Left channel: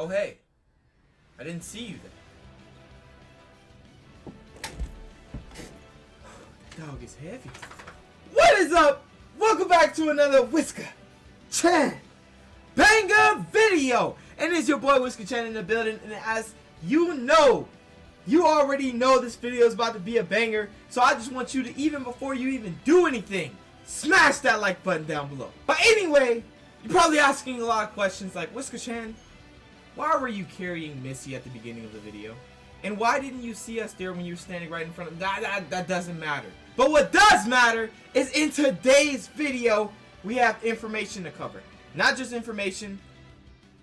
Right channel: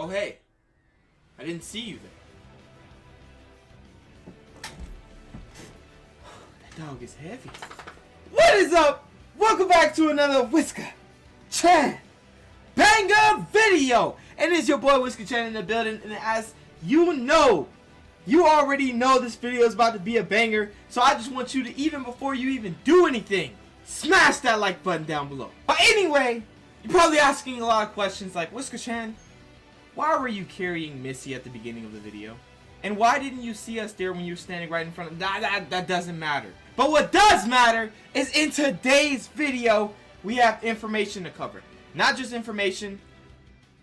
Oh hey, I didn't see you there. That dog is heavy. What is up? Welcome back to another Whisker Chan banger video. And it's your boy Whisker Chan in the building. And as you know, you already know this video is about to be a banger. So I just want you to, even before you even do anything, smash that like button down below. But anyway, you're probably asking a lot of questions like, Whisker Chan, why were you carrying Missy at the beginning of the video? And why didn't you see us there when you were standing right in front of that doesn't matter. But what does matter is in today's video, we have information to cover. Not just information,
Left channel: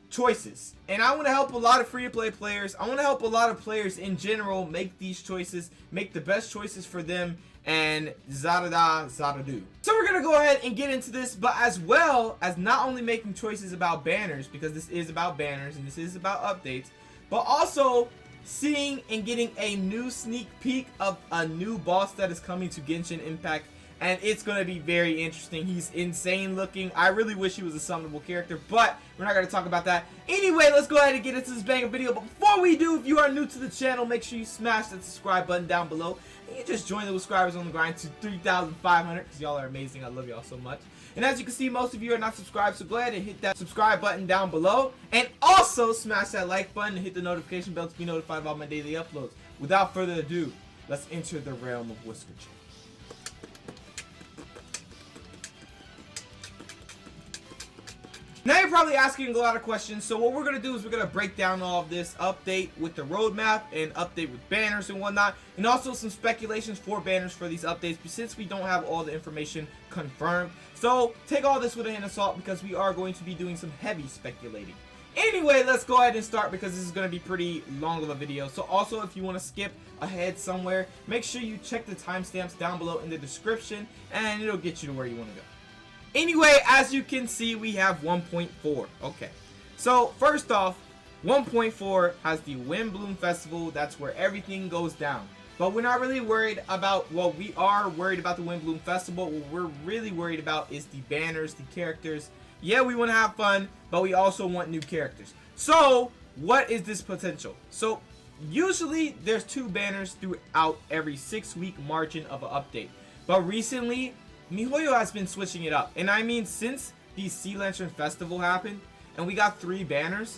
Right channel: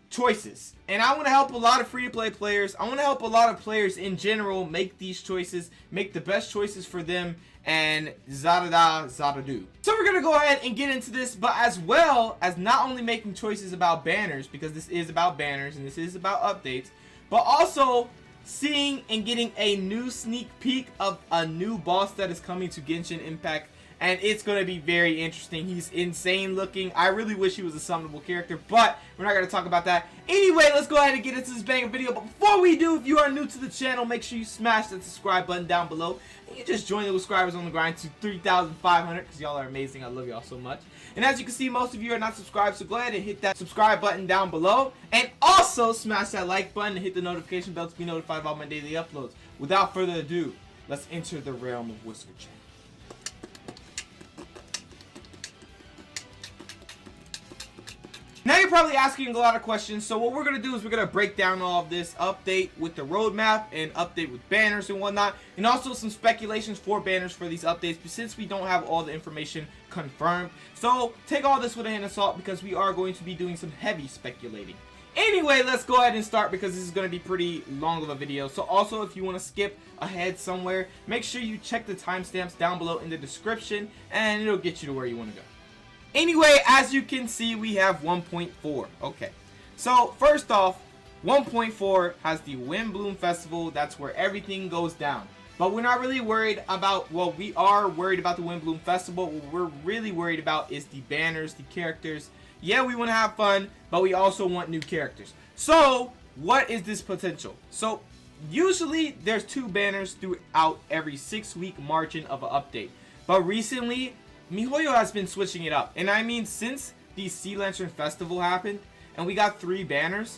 choices. And I want to help a lot of free-to-play players. I want to help a lot of players in general make these choices, make the best choices for them, and zada-do. So we're going to go ahead and get into this, but as well as not only making choices about banners, because this is about banners and this is about updates, but also seeing and getting a new sneak peek of a new boss that is coming to Genshin Impact. And it's going to be very interesting. He's insane looking. I really wish he was a summonable character, but we're not going to talk about that. Anyway, let's go ahead and get into this banger video. But before we do, if you are new to the channel, make sure you smash that subscribe button down below. And you just join the subscribers on the grind to 3,500 because y'all are amazing. I love y'all so much. And as you can see, most of you are not subscribed, so go ahead and hit that subscribe button down below. And also smash that like button and hit the notification bell to be notified of all my daily uploads. Without further ado, let's enter the realm of Whisker Chan. Now you're probably asking a lot of questions, so what we're going to do is we're going to break down all of this, update with the roadmap and update with banners and whatnot, and also some speculations for banners for these updates since we don't have all the information confirmed. So take all this with a hint of salt because we are going to be doing some heavy speculating. Anyway, let's go ahead and start because this is going to be pretty long of a video. So also, if you want to skip ahead somewhere, make sure you check the timestamps down below in the description and it'll get you to where you want to go. Anyway, as you can see, we have 1.4. Okay, so first off, 1.4 has the Windbloom Festival. That's where everything goes down. But we're not really worried about, well, we are worried about the Windbloom Festival. What we're really worried about is the banners, the characters. Yeah, we want to have fun, but we also want new characters. So, what is this potential? So, usually there's 2 banners throughout every 6-week margin of an update. But recently, MiHoYo has been switching it up. And I mean, since the Sea Lantern Festival happened and we got 3 banners,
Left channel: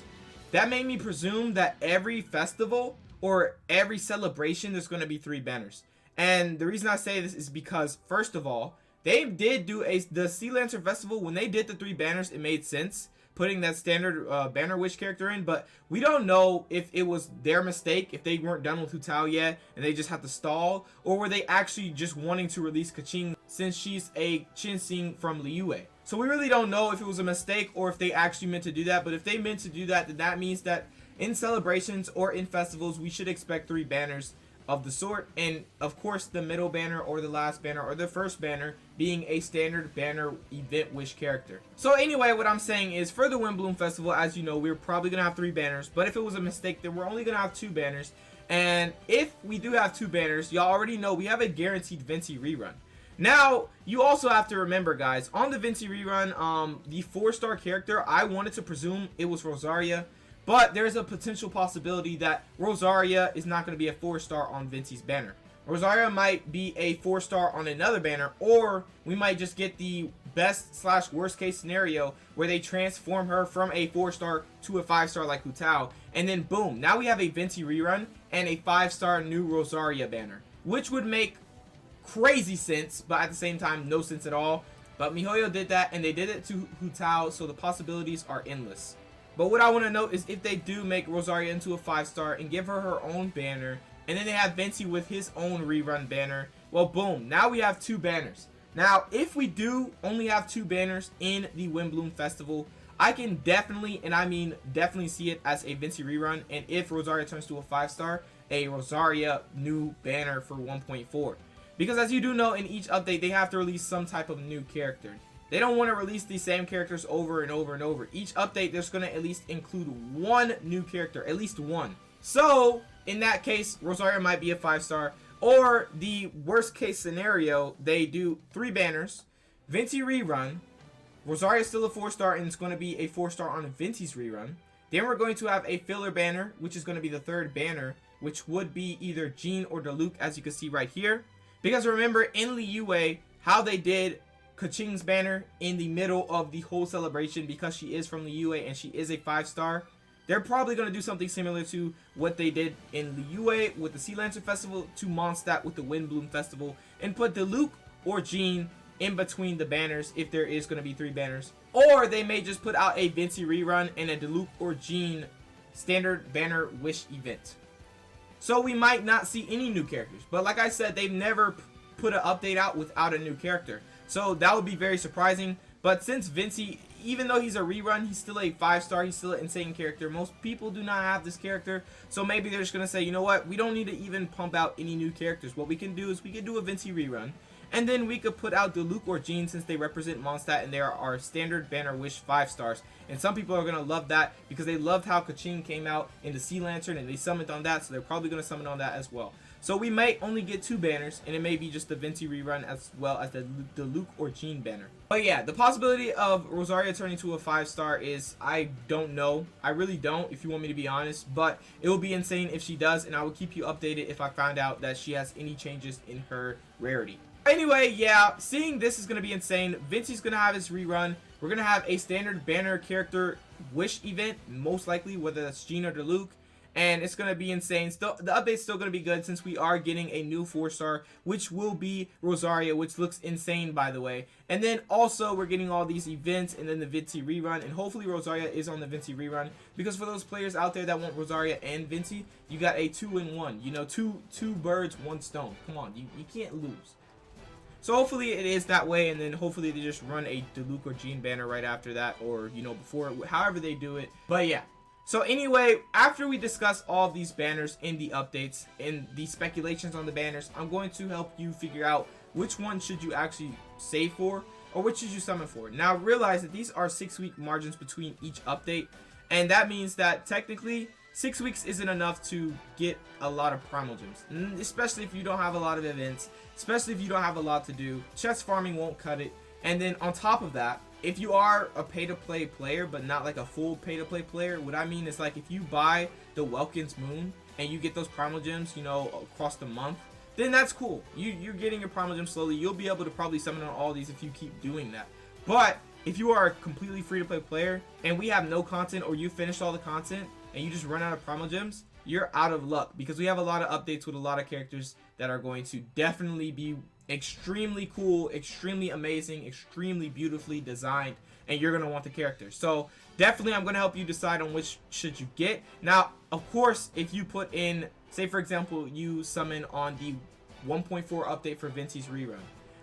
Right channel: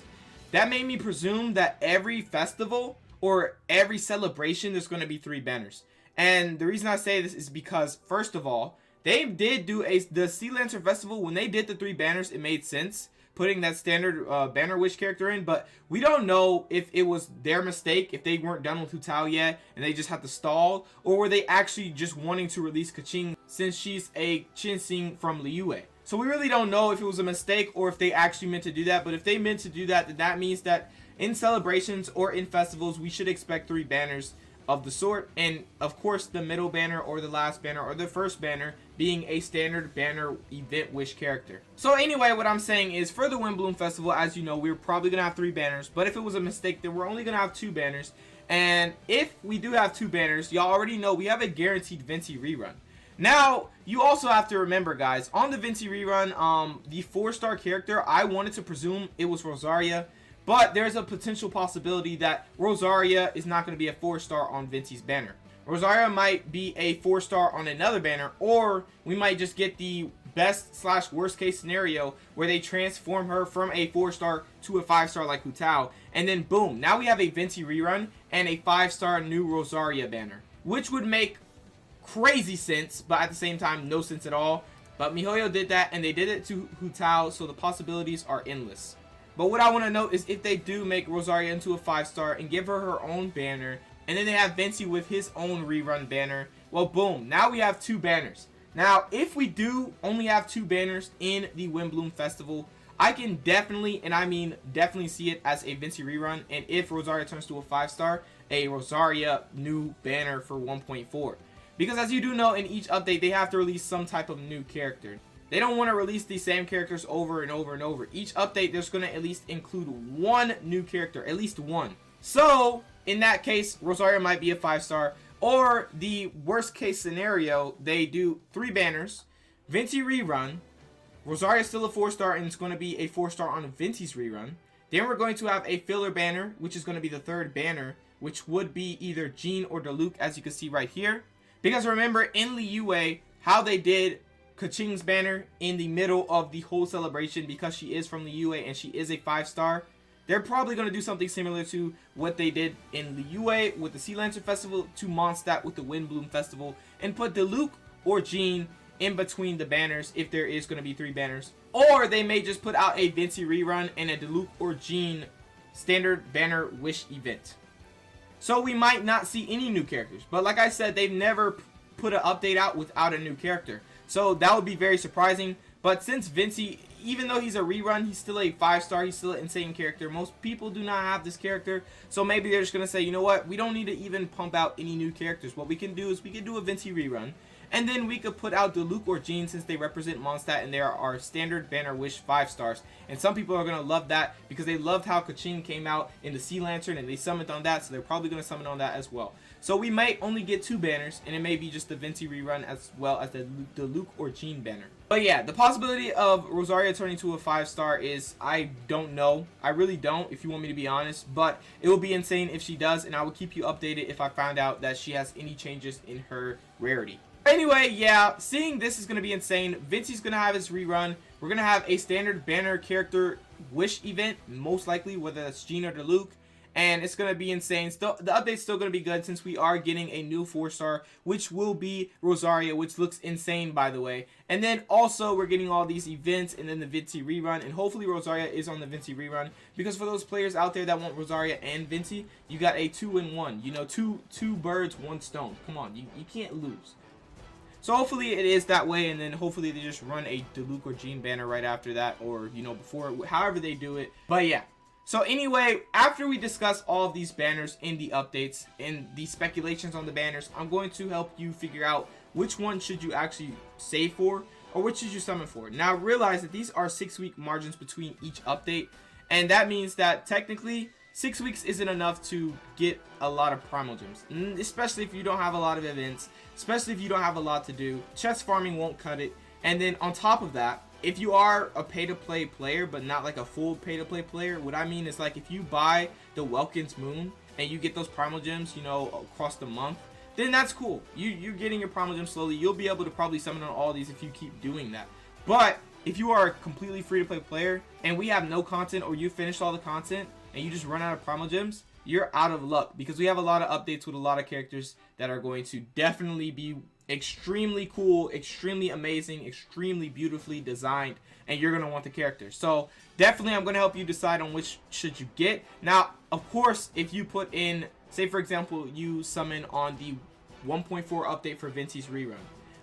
that made me presume that every festival or every celebration there's going to be 3 banners. And the reason I say this is because, first of all, they did do the Sea Lantern Festival. When they did the 3 banners, it made sense putting that standard banner wish character in, but we don't know if it was their mistake, if they weren't done with Hu Tao yet and they just had to stall, or were they actually just wanting to release Kaching since she's a Chinsing from Liyue. So we really don't know if it was a mistake or if they actually meant to do that. But if they meant to do that, then that means that in celebrations or in festivals we should expect 3 banners of the sort, and of course the middle banner or the last banner or the first banner being a standard banner event wish character. So anyway, what I'm saying is for the Windbloom Festival, as you know, we're probably gonna have 3 banners, but if it was a mistake, then we're only gonna have 2 banners. And if we do have 2 banners, y'all already know we have a guaranteed Venti rerun. Now, you also have to remember, guys, on the Venti rerun, the 4-star character, I wanted to presume it was Rosaria. But there's a potential possibility that Rosaria is not going to be a 4-star on Venti's banner. Rosaria might be a 4-star on another banner, or we might just get the best/worst case scenario where they transform her from a 4-star to a 5-star like Hu Tao, and then boom, now we have a Venti rerun and a 5-star new Rosaria banner, which would make crazy sense, but at the same time, no sense at all. But MiHoYo did that, and they did it to Hu Tao, so the possibilities are endless. But what I want to note is if they do make Rosaria into a 5-star and give her her own banner, and then they have Venti with his own rerun banner, well, boom, now we have 2 banners. Now, if we do only have 2 banners in the Windbloom Festival, I can definitely, and I mean definitely, see it as a Venti rerun, and if Rosaria turns to a 5-star, a Rosaria new banner for 1.4. Because as you do know, in each update, they have to release some type of new character. They don't want to release these same characters over and over and over. Each update, there's going to at least include 1 new character, at least 1. So, in that case, Rosaria might be a 5-star. Or, the worst case scenario, they do 3 banners, Venti rerun, Rosaria is still a 4-star and it's going to be a 4-star on Venti's rerun. Then we're going to have a filler banner, which is going to be the third banner, which would be either Jean or Diluc, as you can see right here. Because remember, in Liyue, how they did Keqing's banner in the middle of the whole celebration, because she is from Liyue and she is a 5-star, they're probably going to do something similar to what they did in Liyue with the Sea Lancer Festival, to Mondstadt with the Windbloom Festival, and put Diluc or Jean in between the banners if there is going to be 3 banners. Or they may just put out a Vincey rerun and a Diluc or Jean standard banner wish event. So we might not see any new characters, but like I said, they've never put an update out without a new character, so that would be very surprising. But since Vincey, even though he's a rerun, he's still a 5-star, he's still an insane character. Most people do not have this character, so maybe they're just gonna say, you know what, we don't need to even pump out any new characters. What we can do is we can do a Vincey rerun, and then we could put out Diluc or Jean, since they represent Mondstadt and they are our standard banner wish 5-stars. And some people are going to love that because they loved how Keqing came out in the Sea Lantern and they summoned on that, so they're probably going to summon on that as well. So we might only get 2 banners, and it may be just the Vincey rerun as well as the Diluc or Jean banner. But yeah, the possibility of Rosaria turning to a 5-star is, I don't know. I really don't, if you want me to be honest, but it will be insane if she does, and I will keep you updated if I find out that she has any changes in her rarity. Anyway, yeah, seeing this is going to be insane. Vincey's going to have his rerun. We're going to have a standard banner character wish event, most likely, whether that's Jean or Diluc. And it's going to be insane. Still, the update's still going to be good since we are getting a new 4-star, which will be Rosaria, which looks insane, by the way. And then also, we're getting all these events and then the Vincey rerun. And hopefully Rosaria is on the Vincey rerun, because for those players out there that want Rosaria and Vincey, you got a 2-in-1. You know, two birds, 1 stone. Come on, you can't lose. So hopefully it is that way, and then hopefully they just run a Diluc or Jean banner right after that, or, you know, before, however they do it. But yeah. So anyway, after we discuss all of these banners in the updates and the speculations on the banners, I'm going to help you figure out which one should you actually save for, or which should you summon for. Now realize that these are 6-week margins between each update, and that means that technically 6 weeks isn't enough to get a lot of primal gems, especially if you don't have a lot of events, especially if you don't have a lot to do. Chest farming won't cut it. And then on top of that, if you are a pay-to-play player, but not like a full pay-to-play player, what I mean is, like, if you buy the Welkin's Moon and you get those primal gems, you know, across the month, then that's cool. You're getting your primal gems slowly. You'll be able to probably summon on all these if you keep doing that. But if you are a completely free-to-play player and we have no content, or you finished all the content and you just run out of primal gems, you're out of luck, because we have a lot of updates with a lot of characters that are going to definitely be extremely cool, extremely amazing, extremely beautifully designed, and you're going to want the character. So definitely I'm going to help you decide on which should you get. Now, of course, if you put in, say for example, you summon on the 1.4 update for Vincey's rerun,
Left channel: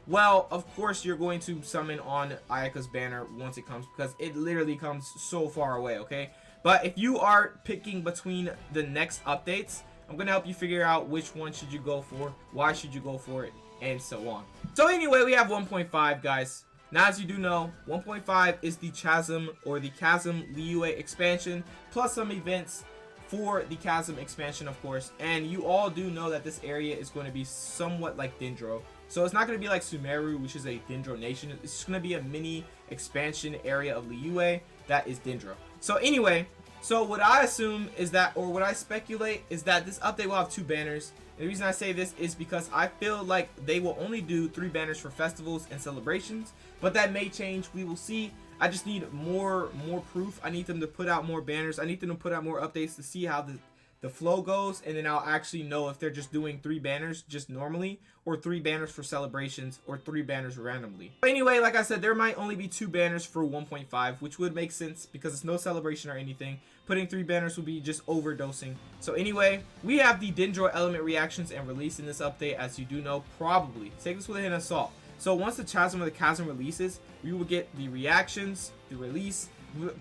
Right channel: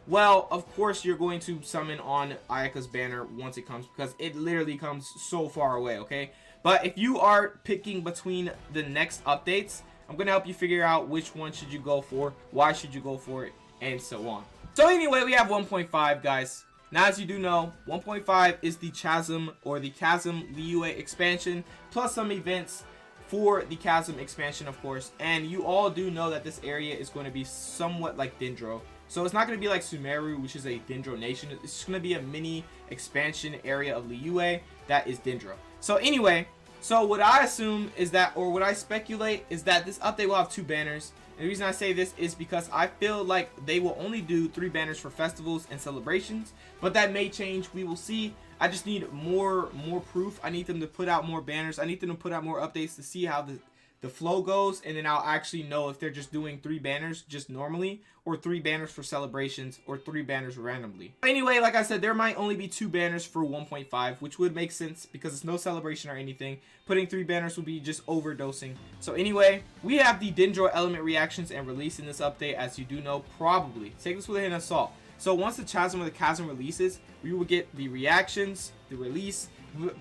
well, of course you're going to summon on Ayaka's banner once it comes, because it literally comes so far away, okay? But if you are picking between the next updates, I'm going to help you figure out which one should you go for, why should you go for it, and so on. So anyway, we have 1.5, guys. Now, as you do know, 1.5 is the Chasm, or the Chasm Liyue expansion, plus some events for the Chasm expansion, of course. And you all do know that this area is going to be somewhat like Dendro. So it's not going to be like Sumeru, which is a Dendro nation. It's just going to be a mini expansion area of Liyue that is Dendro. So anyway, so what I assume is that, or what I speculate, is that this update will have 2 banners. And the reason I say this is because I feel like they will only do 3 banners for festivals and celebrations, but that may change. We will see. I just need more proof. I need them to put out more banners. I need them to put out more updates to see how the flow goes, and then I'll actually know if they're just doing 3 banners just normally, or 3 banners for celebrations, or 3 banners randomly. But anyway, like I said, there might only be 2 banners for 1.5, which would make sense because it's no celebration or anything. Putting 3 banners would be just overdosing. So anyway, we have the Dendro element reactions and release in this update, as you do know, probably. Take this with a hint of salt. So once the Chasm or the Chasm releases, we will get the reactions, the release.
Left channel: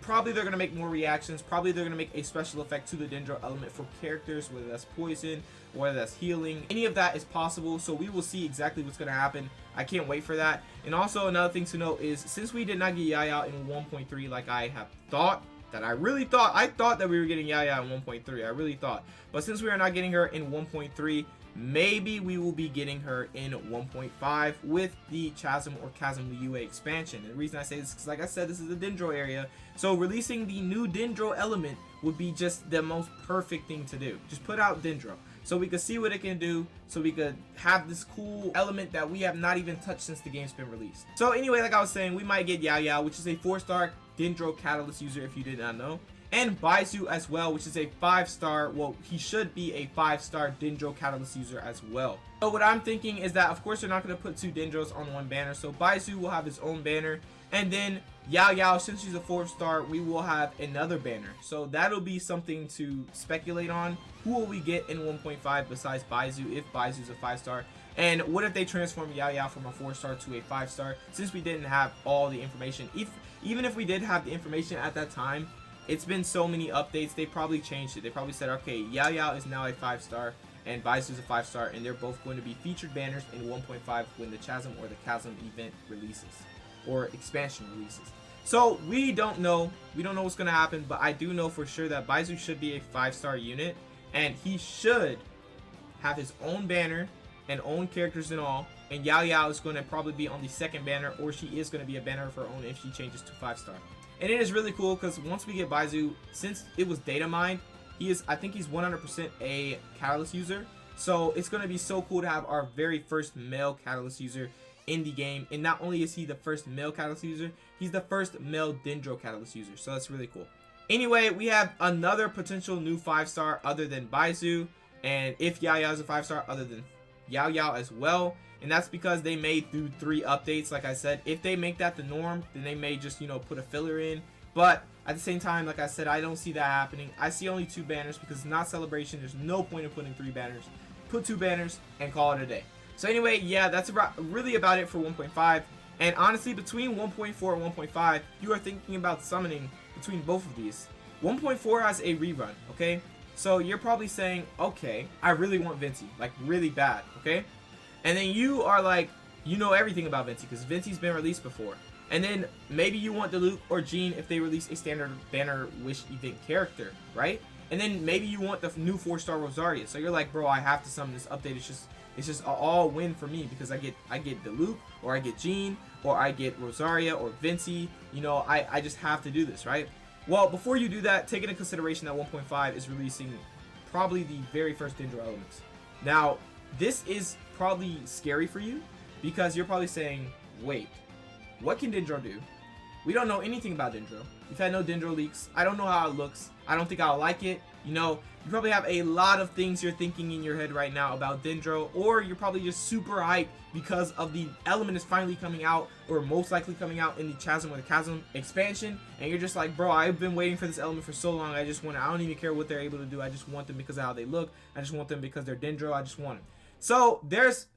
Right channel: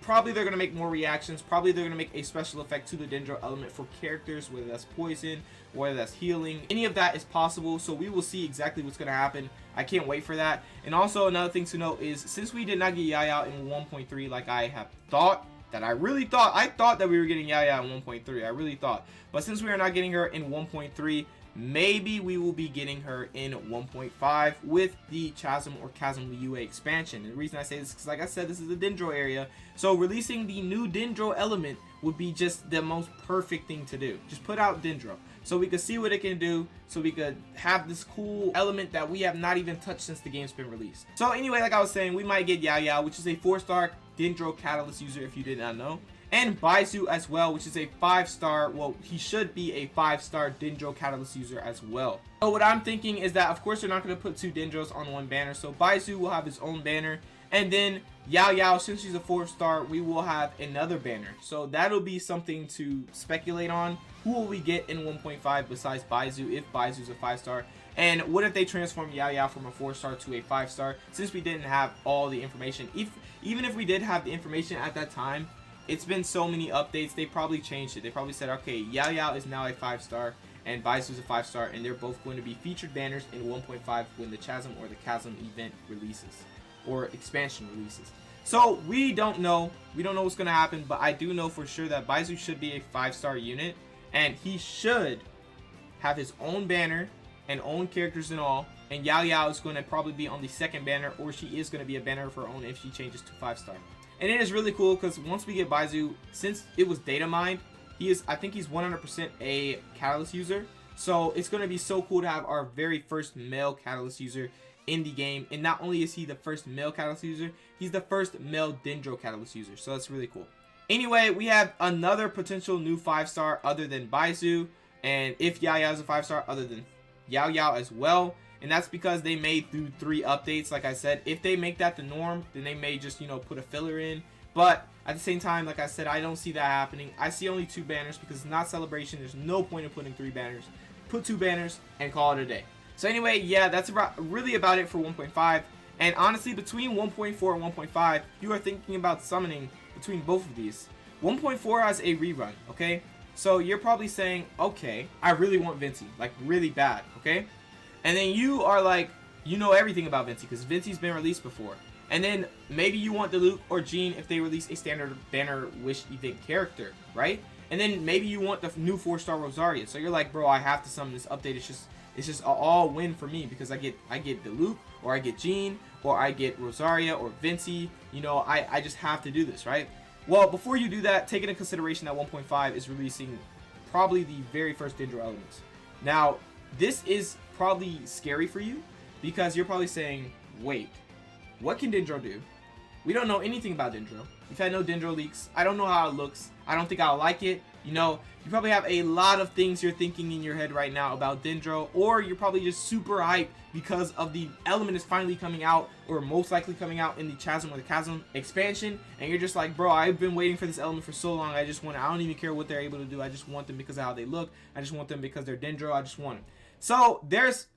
Probably they're going to make more reactions. Probably they're going to make a special effect to the Dendro element for characters, whether that's poison, whether that's healing. Any of that is possible, so we will see exactly what's going to happen. I can't wait for that. And also another thing to note is, since we did not get Yaya in 1.3 like I have thought, I thought that we were getting Yaya in 1.3. I really thought. But since we are not getting her in 1.3, maybe we will be getting her in 1.5 with the Chasm or Chasm UA expansion. And the reason I say this is because, like I said, this is the Dendro area, so releasing the new Dendro element would be just the most perfect thing to do. Just put out Dendro so we could see what it can do, so we could have this cool element that we have not even touched since the game's been released. So anyway, like I was saying, we might get Yao, which is a 4-star Dendro Catalyst user, if you did not know, and Baizu as well, which is a 5-star, well, he should be a 5-star Dendro Catalyst user as well. So what I'm thinking is that, of course, they're not going to put 2 Dendros on one banner, so Baizu will have his own banner, and then Yao, since she's a 4-star, we will have another banner. So that'll be something to speculate on. Who will we get in 1.5 besides Baizu, if Baizu's a 5-star? And what if they transform Yao from a 4-star to a 5-star, since we didn't have all the information? Even if we did have the information at that time, it's been so many updates, they probably changed it. They probably said, okay, Yao is now a 5-star, and Baizu's a 5-star, and they're both going to be featured banners in 1.5 when the Chasm or the Chasm event releases, or expansion releases. So we don't know what's going to happen, but I do know for sure that Baizu should be a 5-star unit, and he should have his own banner and own characters and all, and Yao is going to probably be on the second banner, or she is going to be a banner of her own if she changes to 5-star. And it is really cool because once we get Baizu, since it was data mined, I think he's 100% a Catalyst user. So it's going to be so cool to have our very first male Catalyst user in the game. And not only is he the first male Catalyst user, he's the first male Dendro Catalyst user. So that's really cool. Anyway, we have another potential new 5-star other than Baizu. And if Yao is a 5-star, other than Yao as well. And that's because they made through 3 updates. Like I said, if they make that the norm, then they may just, put a filler in. But at the same time, like I said, I don't see that happening. I see only 2 banners because it's not Celebration. There's no point in putting 3 banners. Put 2 banners and call it a day. So anyway, yeah, that's really about it for 1.5. And honestly, between 1.4 and 1.5, you are thinking about summoning between both of these. 1.4 has a rerun, okay? So you're probably saying, okay, I really want Venti, like really bad, okay? And then you are like, you know everything about Venti because Venti's been released before. And then maybe you want Diluc or Jean if they release a standard banner wish event character, right? And then maybe you want the new 4-star Rosaria. So you're like, bro, I have to summon this update. It's just an all win for me because I get Diluc, or I get Jean, or I get Rosaria or Venti. I just have to do this, right? Well, before you do that, take into consideration that 1.5 is releasing probably the very first Dendro elements. Now, this is probably scary for you because you're probably saying, wait, what can Dendro do? We don't know anything about Dendro. We've had no Dendro leaks. I don't know how it looks. I don't think I'll like it. You probably have a lot of things you're thinking in your head right now about Dendro, or you're probably just super hyped because of the element is finally coming out, or most likely coming out in the Chasm or the Chasm expansion, and you're just like, bro, I've been waiting for this element for so long. I don't even care what they're able to do. I just want them because of how they look. I just want them because they're Dendro. I just want it. So there's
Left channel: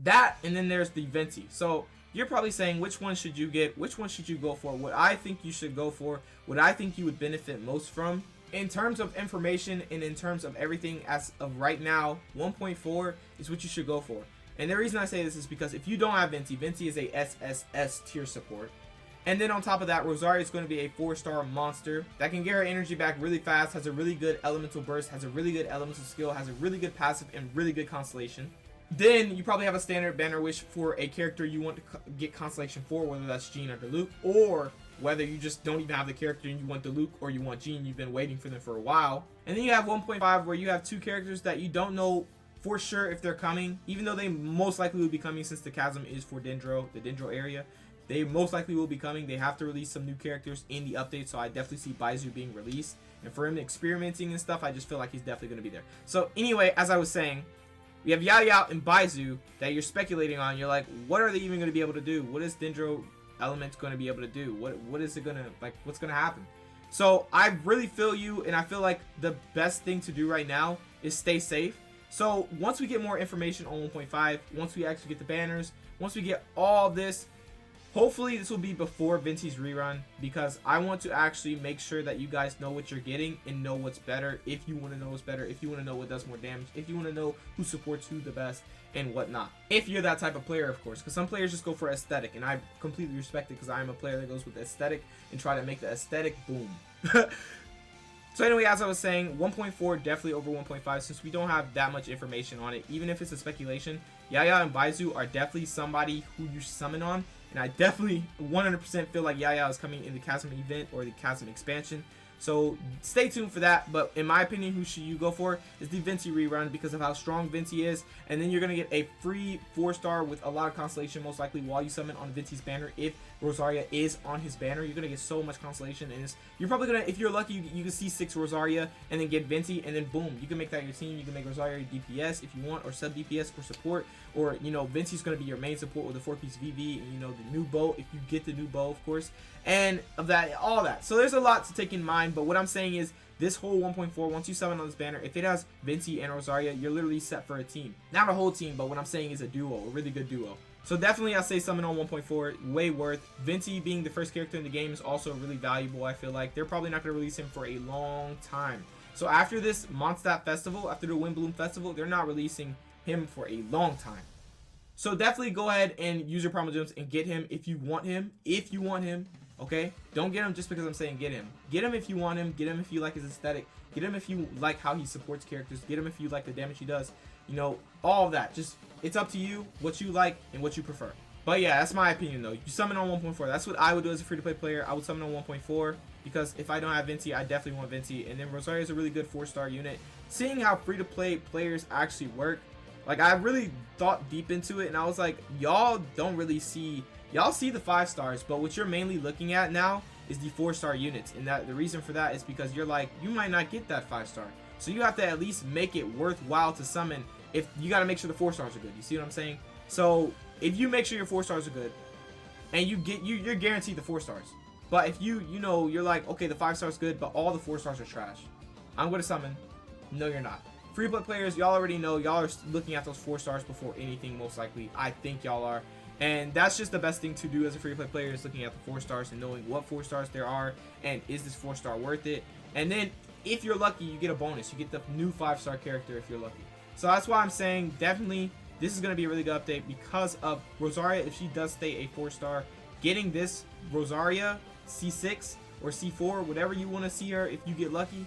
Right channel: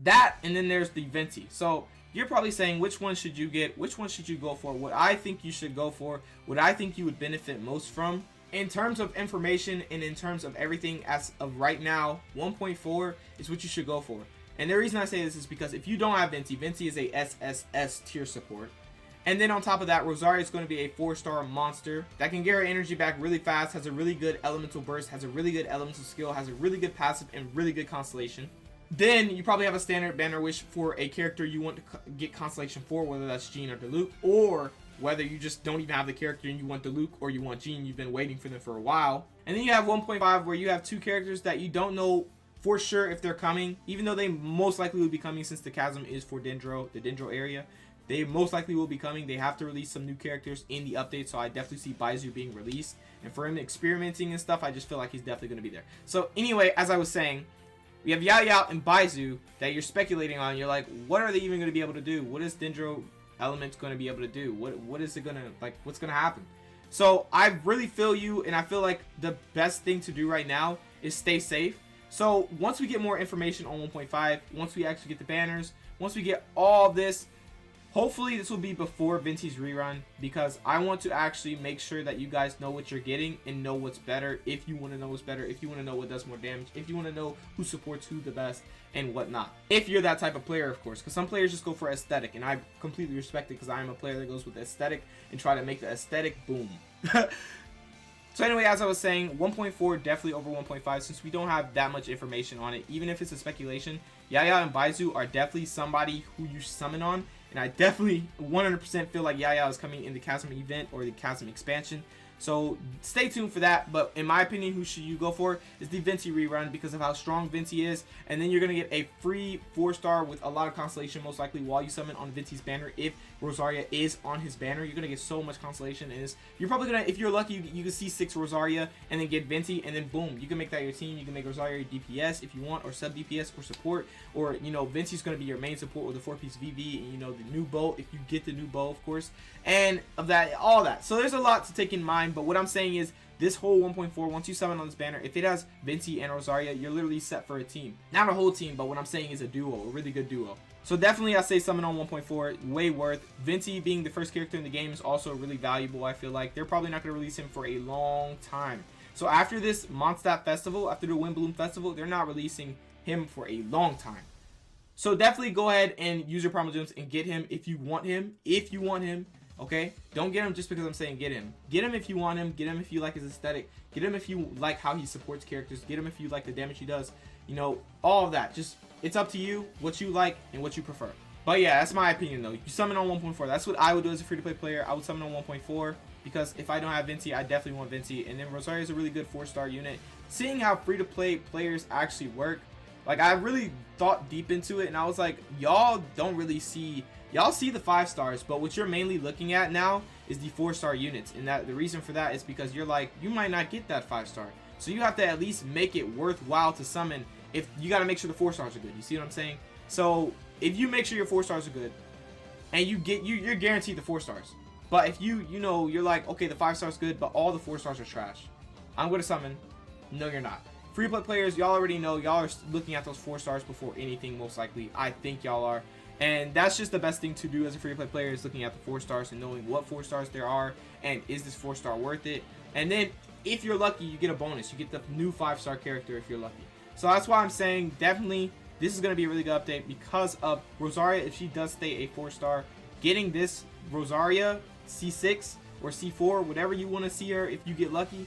that, and then there's the Venti. So you're probably saying, which one should you get? Which one should you go for? What I think you should go for, what I think you would benefit most from, in terms of information and in terms of everything as of right now, 1.4 is what you should go for. And the reason I say this is because if you don't have Venti, Venti is a SSS tier support. And then on top of that, Rosaria is going to be a 4-star monster that can get her energy back really fast, has a really good elemental burst, has a really good elemental skill, has a really good passive, and really good constellation. Then you probably have a standard banner wish for a character you want to get constellation for, whether that's Jean or Diluc, or whether you just don't even have the character and you want Diluc or you want Jean, you've been waiting for them for a while. And then you have 1.5 where you have 2 characters that you don't know for sure if they're coming, even though they most likely will be coming since the Chasm is for Dendro, the Dendro area. They most likely will be coming. They have to release some new characters in the update, so I definitely see Baizu being released. And for him experimenting and stuff, I just feel like he's definitely going to be there. So anyway, as I was saying, we have Yao and Baizu that you're speculating on. You're like, what are they even going to be able to do? What is Dendro Element's going to be able to do? What is it going to, like, what's going to happen? So I really feel you, and I feel like the best thing to do right now is stay safe. So once we get more information on 1.5, once we actually get the banners, once we get all this, hopefully this will be before Venti's rerun, because I want to actually make sure that you guys know what you're getting and know what's better. If you want to know what's better, if you want to know what does more damage, if you want to know who supports who the best and whatnot. If you're that type of player, of course, because some players just go for aesthetic, and I completely respect it because I'm a player that goes with aesthetic and try to make the aesthetic boom. So anyway, as I was saying, 1.4 definitely over 1.5 since we don't have that much information on it. Even if it's a speculation, Yaya and Baizu are definitely somebody who you summon on. And I definitely 100% feel like Yaya is coming in the Chasm event or the Chasm expansion. So stay tuned for that. But in my opinion, who should you go for is the Venti rerun because of how strong Venti is. And then you're going to get a free 4-star with a lot of constellation most likely while you summon on Venti's banner. If Rosaria is on his banner, you're going to get so much constellation. And you're probably going to, if you're lucky, you can see 6 Rosaria and then get Venti. And then boom, you can make that your team. You can make Rosaria your DPS if you want, or sub DPS or support. Or, you know, Venti's going to be your main support with a 4-piece VV. And, you know, the new bow, if you get the new bow, of course. And of that, all that. So there's a lot to take in mind. But what I'm saying is this whole 1.4, once you summon on this banner, if it has Venti and Rosaria, you're literally set for a team. Not a whole team, but what I'm saying is a duo, a really good duo. So definitely I say summon on 1.4, way worth. Venti being the first character in the game is also really valuable. I feel like they're probably not going to release him for a long time. So after this Mondstadt festival, after the Windbloom festival, they're not releasing him for a long time. So definitely go ahead and use your promo gems and get him if you want him. If you want him. Okay, don't get him just because I'm saying get him. Get him if you want him. Get him if you like his aesthetic. Get him if you like how he supports characters. Get him if you like the damage he does. You know, all of that. Just, it's up to you what you like and what you prefer. But yeah, that's my opinion though. You summon on 1.4. That's what I would do as a free-to-play player. I would summon on 1.4 because if I don't have Venti, I definitely want Venti. And then Rosaria is a really good 4-star unit. Seeing how free-to-play players actually work, like I really thought deep into it and I was like, y'all don't really see... Y'all see the 5 stars, but what you're mainly looking at now is the 4-star units. And that the reason for that is because you're like, you might not get that 5-star. So you have to at least make it worthwhile to summon. If you got to make sure the 4 stars are good. You see what I'm saying? So if you make sure your 4 stars are good and you get, you're guaranteed the 4 stars. But if you know, you're like, okay, the 5 stars good, but all the 4 stars are trash, I'm going to summon. No, you're not. Free play players, y'all already know, y'all are looking at those 4 stars before anything, most likely. I think y'all are. And that's just the best thing to do as a free-to-play player is looking at the 4 stars and knowing what 4 stars there are and is this 4-star worth it. And then if you're lucky, you get a bonus. You get the new 5-star character if you're lucky. So that's why I'm saying definitely this is going to be a really good update because of Rosaria. If she does stay a 4-star, getting this Rosaria C6 or C4, whatever you want to see her if you get lucky,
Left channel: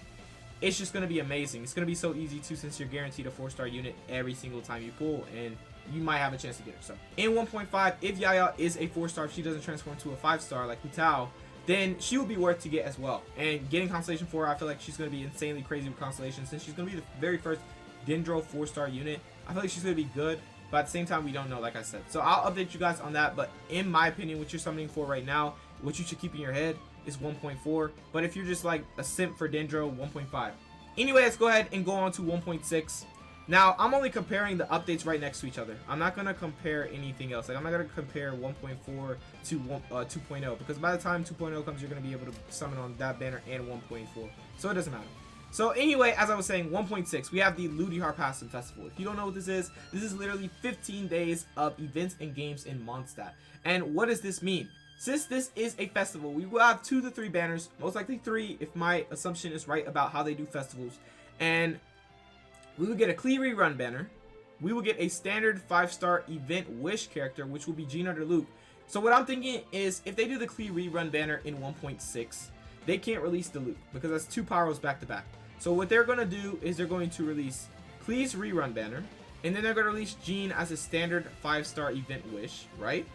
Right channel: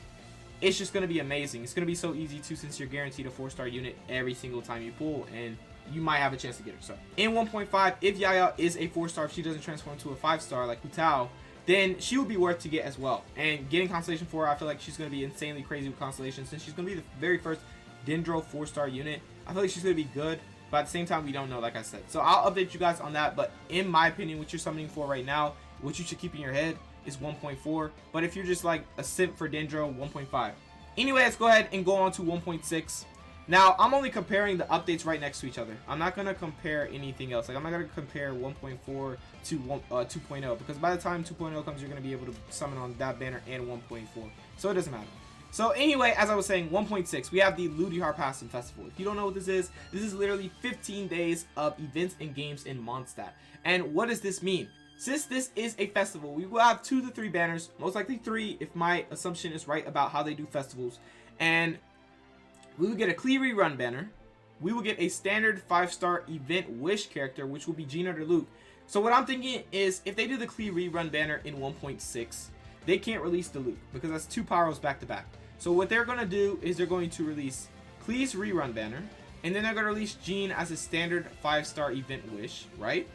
it's just going to be amazing. It's going to be so easy too since you're guaranteed a 4-star unit every single time you pull, and you might have a chance to get her. So in 1.5, if Yaya is a 4-star, if she doesn't transform to a 5-star like Hutao, then she will be worth to get as well. And getting Constellation 4, I feel like she's going to be insanely crazy with Constellation since she's going to be the very first Dendro 4-star unit. I feel like she's going to be good, but at the same time, we don't know, like I said. So I'll update you guys on that, but in my opinion, what you're summoning for right now, what you should keep in your head is 1.4. But if you're just like a simp for Dendro, 1.5. Anyway, let's go ahead and go on to 1.6. Now, I'm only comparing the updates right next to each other. I'm not going to compare anything else. Like, I'm not going to compare 1.4 to 2.0 because by the time 2.0 comes, you're going to be able to summon on that banner and 1.4. So it doesn't matter. So anyway, as I was saying, 1.6, we have the Ludihar Passum Festival. If you don't know what this is literally 15 days of events and games in Mondstadt. And what does this mean? Since this is a festival, we will have 2 to 3 banners, most likely 3 if my assumption is right about how they do festivals. And we will get a Klee rerun banner. We will get a standard 5-star event wish character, which will be Gina or Luke. So what I'm thinking is if they do the Klee rerun banner in 1.6, they can't release the Luke because that's 2 Pyros back to back. So what they're going to do is they're going to release Klee's rerun banner, and then they're going to release Jean as a standard 5-star event wish, right?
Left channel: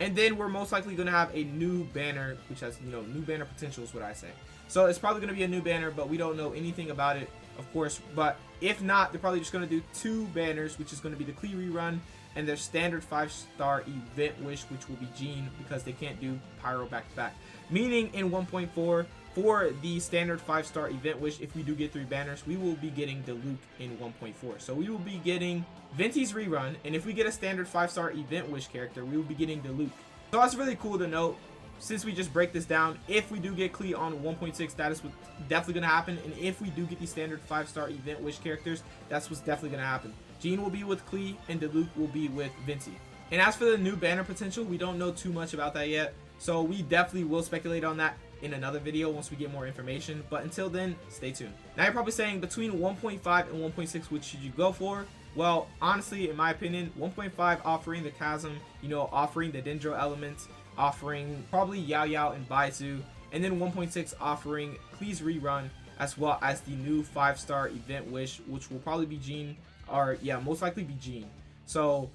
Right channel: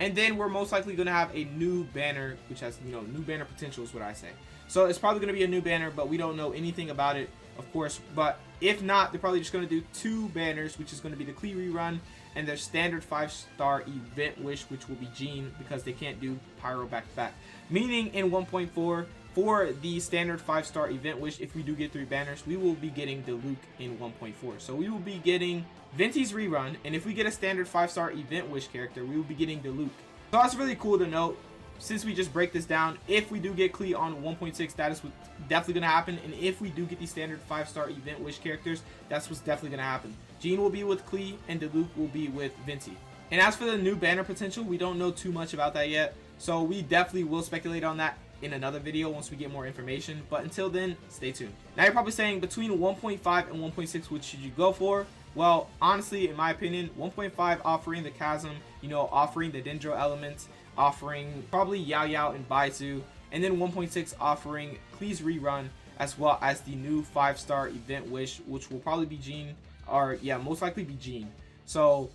And then we're most likely going to have a new banner, which has, you know, new banner potential is what I say. So it's probably going to be a new banner, but we don't know anything about it, of course. But if not, they're probably just going to do 2 banners, which is going to be the Klee rerun and their standard 5-star event wish, which will be Jean, because they can't do Pyro back to back. Meaning in 1.4, for the standard 5-star event wish, if we do get 3 banners, we will be getting the Luke in 1.4. So we will be getting Venti's rerun, and if we get a standard 5-star event wish character, we will be getting the Luke. So that's really cool to note. Since we just break this down, if we do get Klee on 1.6, that is what's definitely going to happen. And if we do get these standard 5-star event wish characters, that's what's definitely going to happen. Jean will be with Klee, and Luke will be with Venti. And as for the new banner potential, we don't know too much about that yet. So we definitely will speculate on that in another video once we get more information. But until then, stay tuned. Now you're probably saying between 1.5 and 1.6, which should you go for? Well, honestly, in my opinion, 1.5 offering the Chasm, you know, offering the Dendro elements, offering probably Yao Yao and Baizu, and then 1.6 offering Klee's rerun. as well as the new 5-star event wish, which will probably be Jean, or yeah, most likely be Jean. So,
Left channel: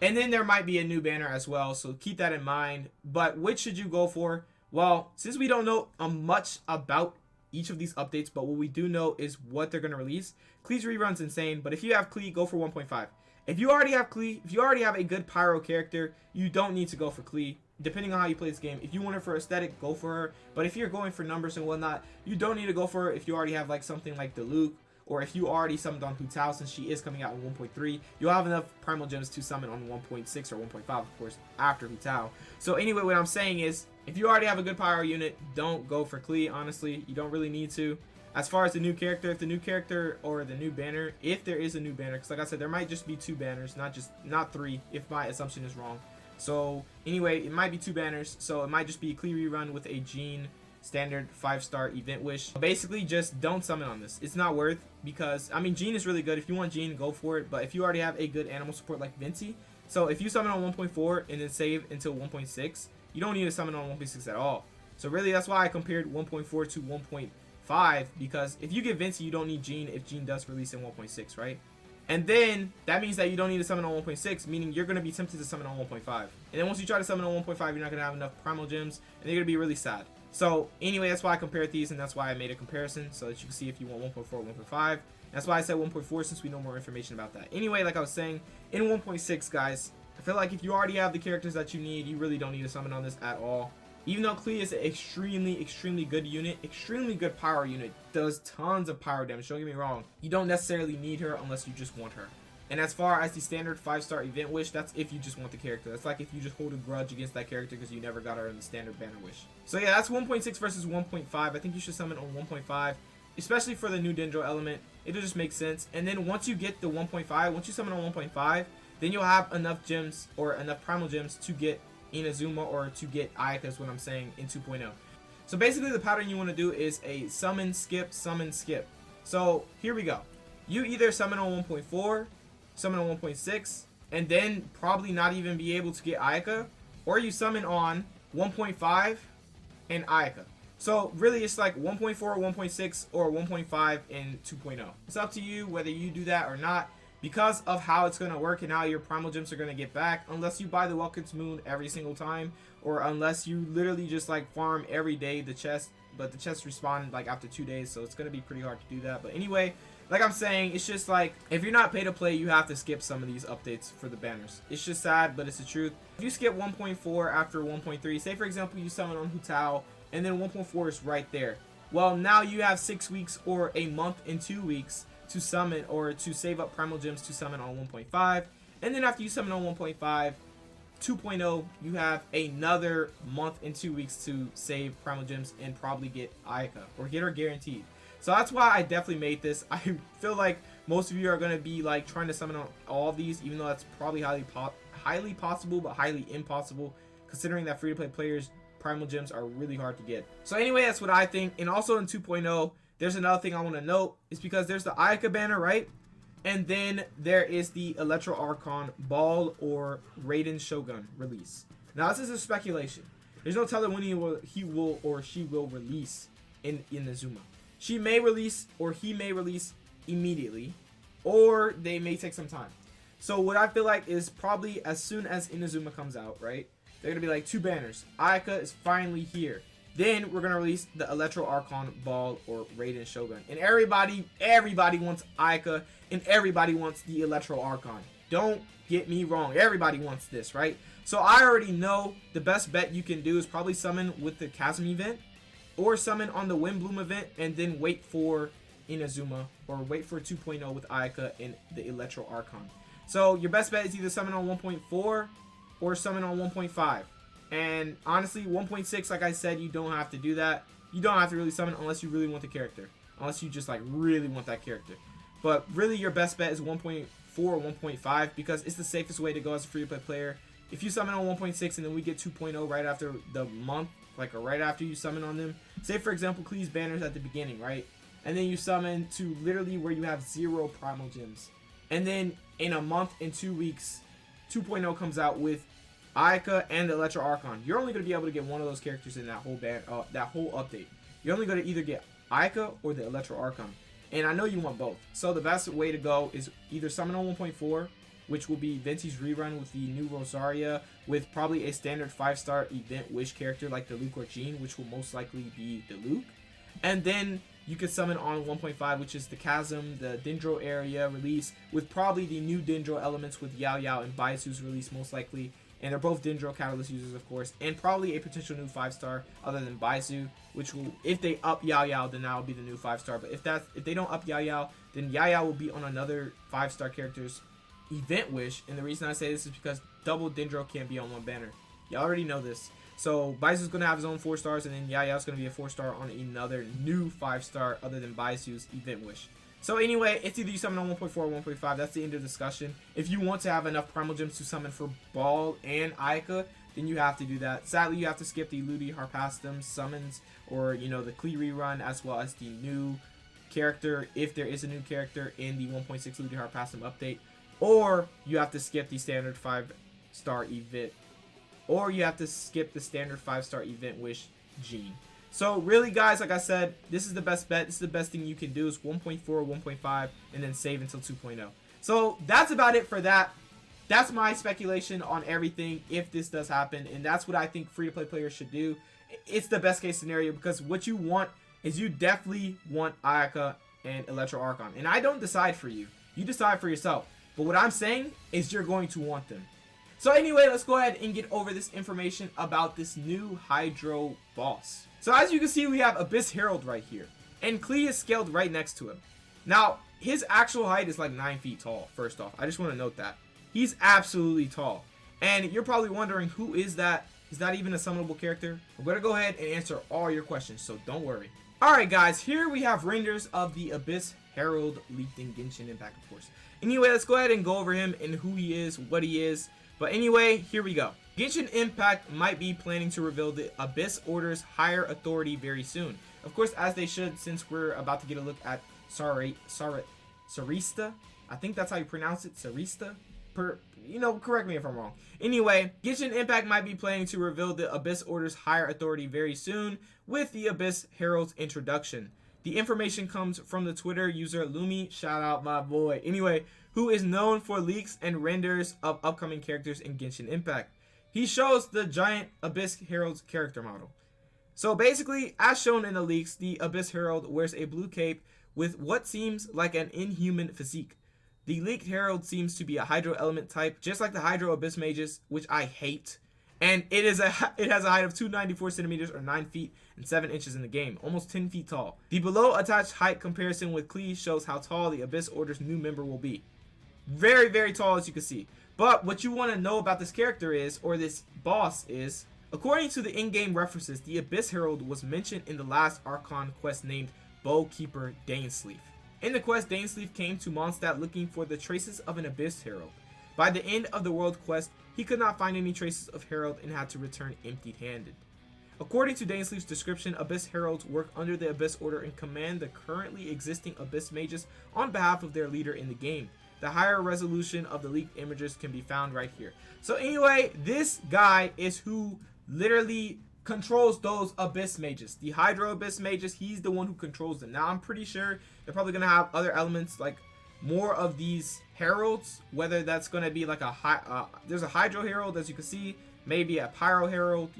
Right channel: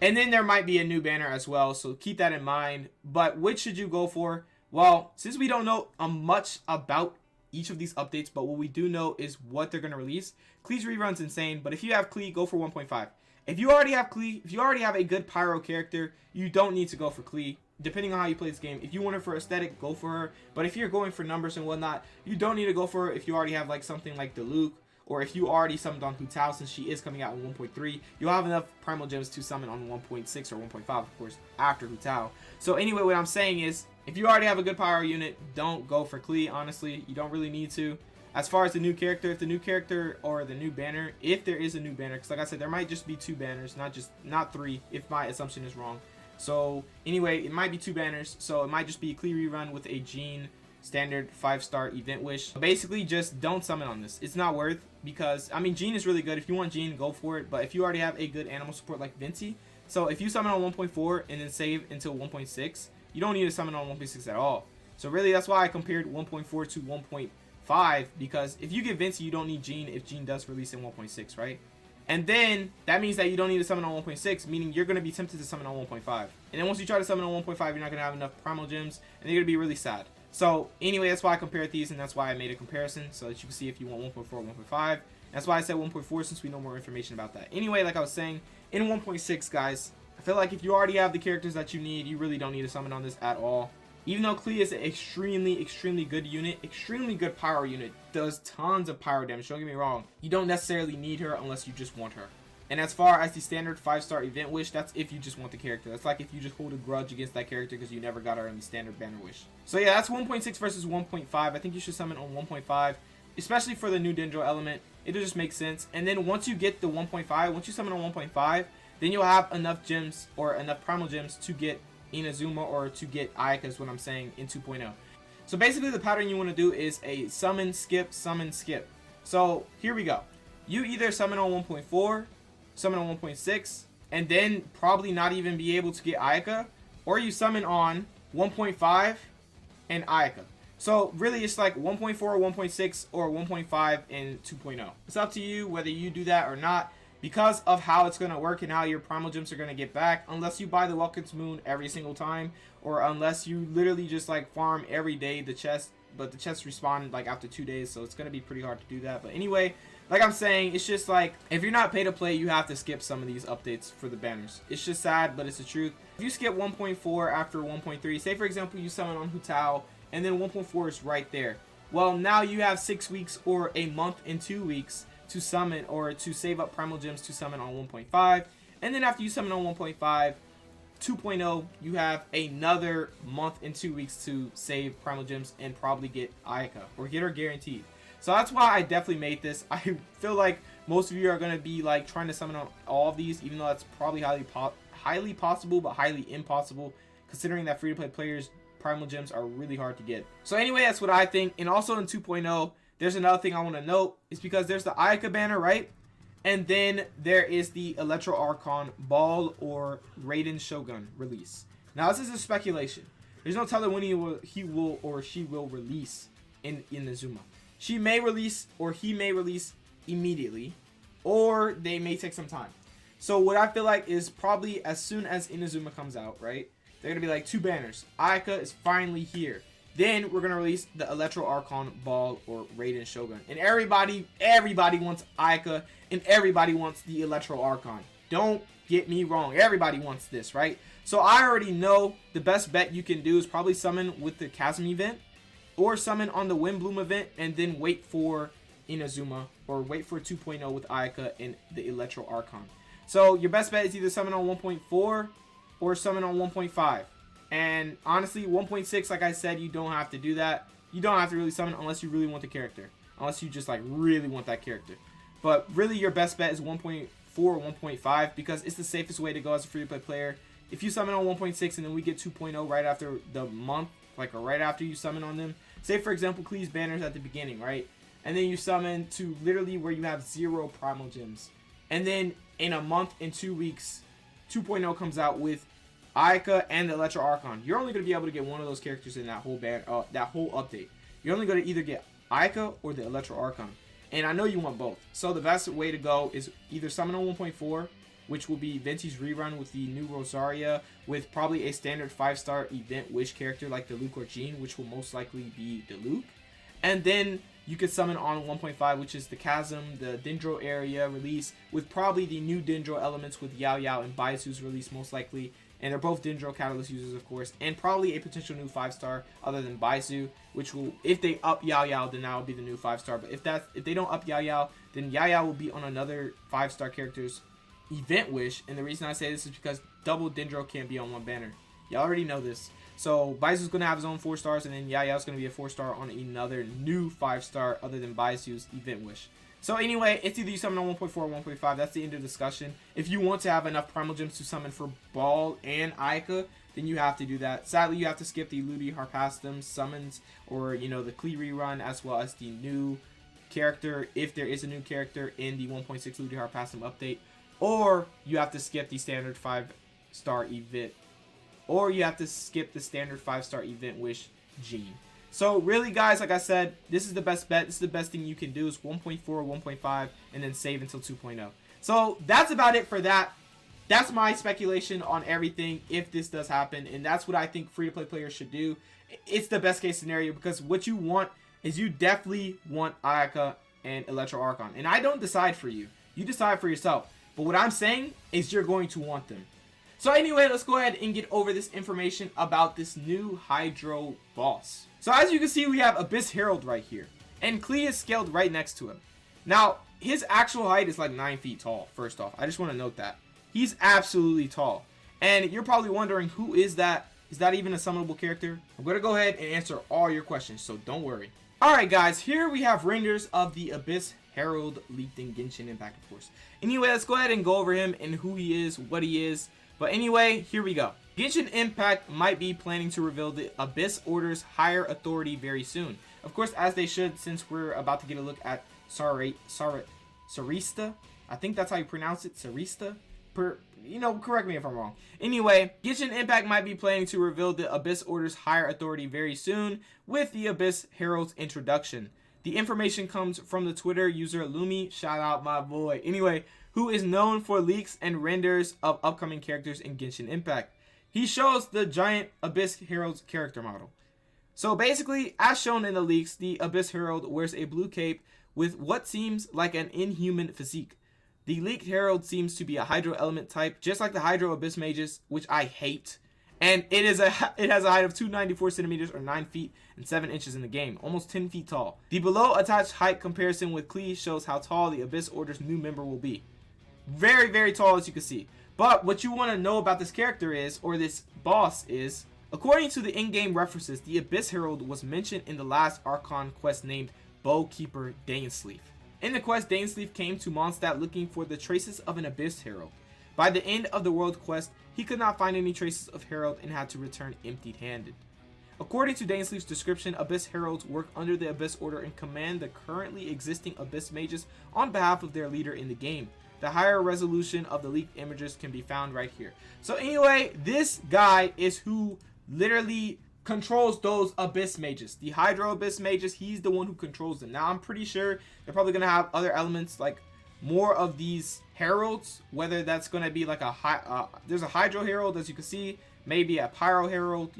and then there might be a new banner as well, so keep that in mind. But which should you go for? Well, since we don't know much about each of these updates, but what we do know is what they're going to release, Klee's rerun's insane, but if you have Klee, go for 1.5. If you already have Klee, if you already have a good pyro character, you don't need to go for Klee, depending on how you play this game. If you want her for aesthetic, go for her, but if you're going for numbers and whatnot, you don't need to go for her if you already have like something like the Luke, or if you already summoned on Hu Tao, since she is coming out on 1.3, you'll have enough primal gems to summon on 1.6 or 1.5, of course, after Hu Tao. So anyway, what I'm saying is, if you already have a good pyro unit, don't go for Klee, honestly. You don't really need to. As far as the new character, if the new character or the new banner, if there is a new banner, because like I said, there might just be 2 banners, not 3, if my assumption is wrong. So anyway, it might be 2 banners, so it might just be a Klee rerun with a Jean standard 5-star event wish. Basically, just don't summon on this. It's not worth, because I mean, Jean is really good. If you want Jean, go for it, but if you already have a good animal support like Vinci, so if you summon on 1.4 and then save until 1.6, you don't need to summon on 1.6 at all. So really, that's why I compared 1.4 to 1.5, because if you get Vinci, you don't need Jean if Jean does release in 1.6, right? And then that means that you don't need to summon on 1.6, meaning you're going to be tempted to summon on 1.5. And then once you try to summon on 1.5, you're not going to have enough primal gems, and you're going to be really sad. So anyway, that's why I compared these, and that's why I made a comparison, so that you can see if you want 1.4 or 1.5. That's why I said 1.4, since we know more information about that. Anyway, like I was saying, in 1.6, guys, I feel like if you already have the characters that you need, you really don't need to summon on this at all. Even though Klee is an extremely good unit, extremely good pyro unit, does tons of pyro damage, don't get me wrong, you don't necessarily need her unless you just want her. And as far as the standard 5-star event wish, that's if you just want the character. That's like if you just hold a grudge against that character because you never got her in the standard banner wish. So yeah, that's 1.6 versus 1.5. I think you should summon on 1.5, especially for the new Dendro element. It'll just make sense. And then once you get the 1.5, once you summon on 1.5, then you'll have enough gems, or enough primal gems, to get Inazuma, or to get Ayaka, is what I'm saying, in 2.0. So basically, the pattern you want to do is a summon, skip, summon, skip. So here we go. You either summon on 1.4, summon on 1.6, and then probably not even be able to get Ayaka, or you summon on 1.5 and Ayaka. So really, it's like 1.4, 1.6, or 1.5 and 2.0. It's up to you whether you do that or not, because of how it's going to work and how your primal gems are going to get back, unless you buy the Welcome Moon every single time, or unless you literally just like farm every day the chest, but the chests respawn like after 2 days, so it's going to be pretty hard to do that. But anyway, like I'm saying, it's just like, if you're not pay to play, you have to skip some of these updates for the banners. It's just sad, but it's the truth. If you skip 1.4 after 1.3, say for example you summon on Hu Tao, and then 1.4 is right there, well, now you have 6 weeks or a month and 2 weeks to summon, or to save up primal gems to summon on 1.5, and then after you summon on 1.5, 2.0, you have another month and 2 weeks to save primal gems and probably get Ayaka, or get her guaranteed. So that's why I definitely made this. I feel like most of you are going to be like trying to summon on all of these, even though that's probably highly possible, but highly impossible, considering that free-to-play players' primal gems are really hard to get. So anyway, that's what I think. And also in 2.0, there's another thing I want to note, is because there's the Ayaka banner, right? And then there is the Electro Archon Baal or Raiden Shogun release. Now this is a speculation. There's no telling when he will or she will release in Inazuma. She may release, or he may release immediately, or they may take some time. So what I feel like is probably as soon as Inazuma comes out, right? They're gonna be like 2 banners. Ayaka is finally here. Then we're gonna release the Electro Archon Baal or Raiden Shogun, and everybody wants Ayaka, and everybody wants the Electro Archon. Don't get me wrong, everybody wants this, right? So I already know the best bet you can do is probably summon with the Chasm event, or summon on the Windbloom event, and then wait for Inazuma, or wait for 2.0 with Ayaka and the Electro Archon. So your best bet is either summon on 1.4 or summon on 1.5. And honestly, 1.6, like I said, you don't have to do that. You don't have to really summon unless you really want the character. Unless you just like really want that character. But really your best bet is 1.4 or 1.5, because it's the safest way to go as a free-to-play player. If you summon on 1.6 and then we get 2.0 right after the month, like, or right after you summon on them. Say for example, Klee's banners at the beginning, right? And then you summon to literally where you have 0 primal gems. And then in a month and 2 weeks, 2.0 comes out with Ayaka and the Electro Archon. You're only going to be able to get one of those characters in that whole that whole update. You're only going to either get Ayaka or the electro archon. And I know you want both. So the best way to go is either summon on 1.4, which will be Venti's rerun with the new Rosaria, with probably a standard 5-star event wish character like the Luke or Jean, which will most likely be the Luke. And then you could summon on 1.5, which is the Chasm, the Dendro area release, with probably the new Dendro elements with Yao Yao and Baisu's release most likely. And they're both Dendro Catalyst users, of course, and probably a potential new 5-star other than Baisu, which will, if they up Yao Yao, then that will be the new 5-star. But if they don't up Yao Yao, then Yao Yao will be on another 5-star character's event wish. And the reason I say this is because double Dendro can't be on one banner. You already know this. So Baisu's gonna have his own 4 stars, and then Yao Yao's gonna be a 4-star on another new 5-star other than Baisu's event wish. So anyway, it's either you summon on 1.4 or 1.5. That's the end of the discussion. If you want to have enough primal gems to summon for Baal and Ayaka, then you have to do that. Sadly, you have to skip the Ludi Harpastum summons, or you know, the Klee rerun, as well as the new character if there is a new character in the 1.6 Ludi Harpastum update, or you have to skip the standard 5-star event, or you have to skip the standard 5-star event wish Jean. So really, guys, like I said, this is the best bet. This is the best thing you can do is 1.4 or 1.5 and then save until 2.0. So that's about it for that. That's my speculation on everything if this does happen, and that's what I think free-to-play players should do. It's the best case scenario, because what you want is, you definitely want Ayaka and Electro Archon. And I don't decide for you. You decide for yourself. But what I'm saying is you're going to want them. So anyway, let's go ahead and get over this information about this new Hydro boss. So as you can see, we have Abyss Herald right here, and Klee is scaled right next to him. Now, his actual height is like 9 feet tall, first off. I just want to note that. He's absolutely tall. And you're probably wondering, who is that? Is that even a summonable character? I'm going to go ahead and answer all your questions, so don't worry. Alright guys, here we have renders of the Abyss Herald leaked in Genshin Impact, of course. Anyway, let's go ahead and go over him and who he is, what he is. But anyway, here we go. Genshin Impact might be planning to reveal the Abyss Order's higher authority very soon. Of course, as they should, since we're about to get a look at Sarista. I think that's how you pronounce it, Sarista. Correct me if I'm wrong. Anyway, Genshin Impact might be planning to reveal the Abyss Order's higher authority very soon with the Abyss Herald's introduction. The information comes from the Twitter user Lumi, shout out my boy. Anyway, who is known for leaks and renders of upcoming characters in Genshin Impact. He shows the giant Abyss Herald's character model. So basically, as shown in the leaks, the Abyss Herald wears a blue cape with what seems like an inhuman physique. The leaked Herald seems to be a Hydro element type, just like the Hydro Abyss Mages, which I hate. And it has a height of 294 centimeters or 9 feet and 7 inches in the game, almost 10 feet tall. The below attached height comparison with Klee shows how tall the Abyss Order's new member will be. Very, very tall, as you can see. But what you want to know about this character is, or this boss is, according to the in-game references, the Abyss Herald was mentioned in the last Archon quest named Bowkeeper Dainsleif. In the quest, Dainsleif came to Mondstadt looking for the traces of an Abyss Herald. By the end of the world quest, he could not find any traces of Herald and had to return empty-handed. According to Dainsleif's description, Abyss Heralds work under the Abyss Order and command the currently existing Abyss Mages on behalf of their leader in the game. The higher resolution of the leaked images can be found right here. So anyway, this guy is who literally controls those Abyss Mages. The Hydro Abyss Mages, he's the one who controls them. Now, I'm pretty sure they're probably going to have other elements, like more of these Heralds, whether that's going to be like there's a Hydro Herald, as you can see, maybe a Pyro Herald,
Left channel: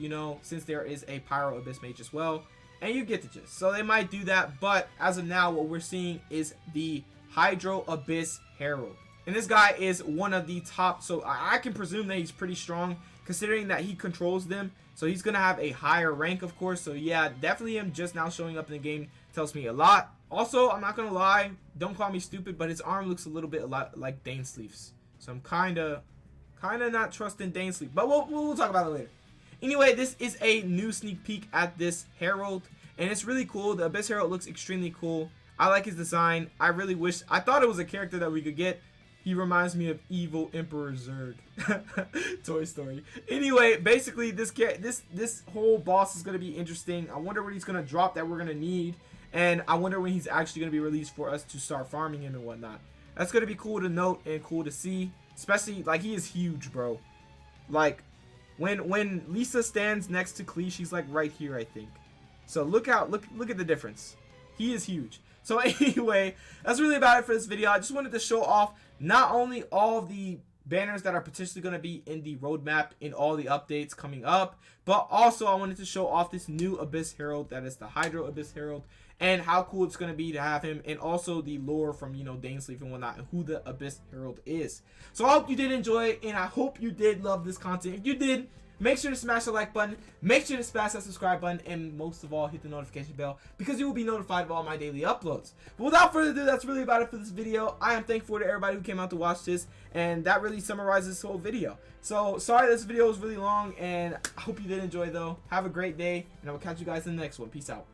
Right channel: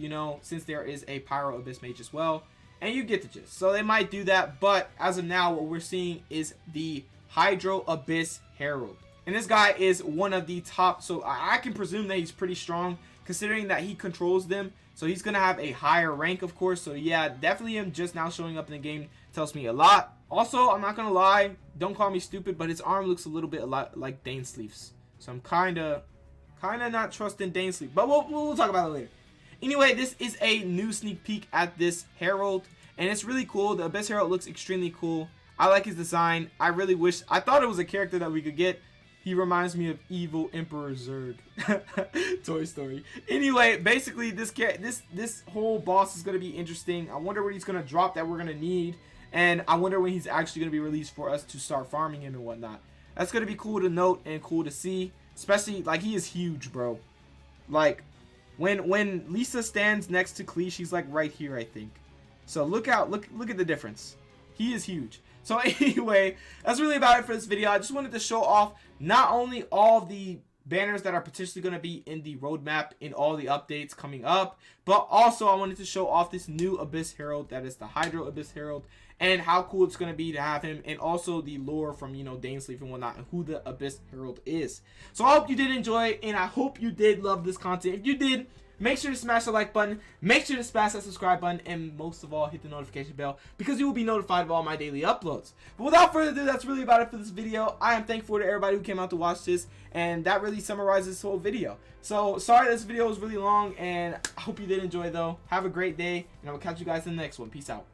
since there is a Pyro Abyss Mage as well. And you get the gist. So they might do that, but as of now, what we're seeing is the Hydro Abyss Herald. And this guy is one of the top, so I can presume that he's pretty strong, considering that he controls them. So he's going to have a higher rank, of course. So yeah, definitely him just now showing up in the game tells me a lot. Also, I'm not going to lie, don't call me stupid, but his arm looks a little bit like Dainsleif's. So I'm kind of not trusting Dainsleif, but we'll talk about it later. Anyway, this is a new sneak peek at this Herald, and it's really cool. The Abyss Herald looks extremely cool. I like his design. I thought it was a character that we could get. He reminds me of evil Emperor Zurg. Toy Story. Anyway, basically this whole boss is going to be interesting. I wonder what he's going to drop that we're going to need. And I wonder when he's actually going to be released for us to start farming him and whatnot. That's going to be cool to note and cool to see. Especially, like, he is huge, bro. Like, when Lisa stands next to Klee, she's like right here, I think. So look at the difference. He is huge. So anyway, that's really about it for this video. I just wanted to show off not only all the banners that are potentially going to be in the roadmap in all the updates coming up, but also I wanted to show off this new Abyss Herald that is the Hydro Abyss Herald, and how cool it's going to be to have him, and also the lore from, you know, Dainsleif and whatnot, and who the Abyss Herald is. So I hope you did enjoy, and I hope you did love this content. If you did, make sure to smash the like button, make sure to smash that subscribe button, and most of all, hit the notification bell, because you will be notified of all my daily uploads. But without further ado, that's really about it for this video. I am thankful to everybody who came out to watch this, and that really summarizes this whole video. So, sorry this video was really long, and I hope you did enjoy though. Have a great day, and I will catch you guys in the next one. Peace out.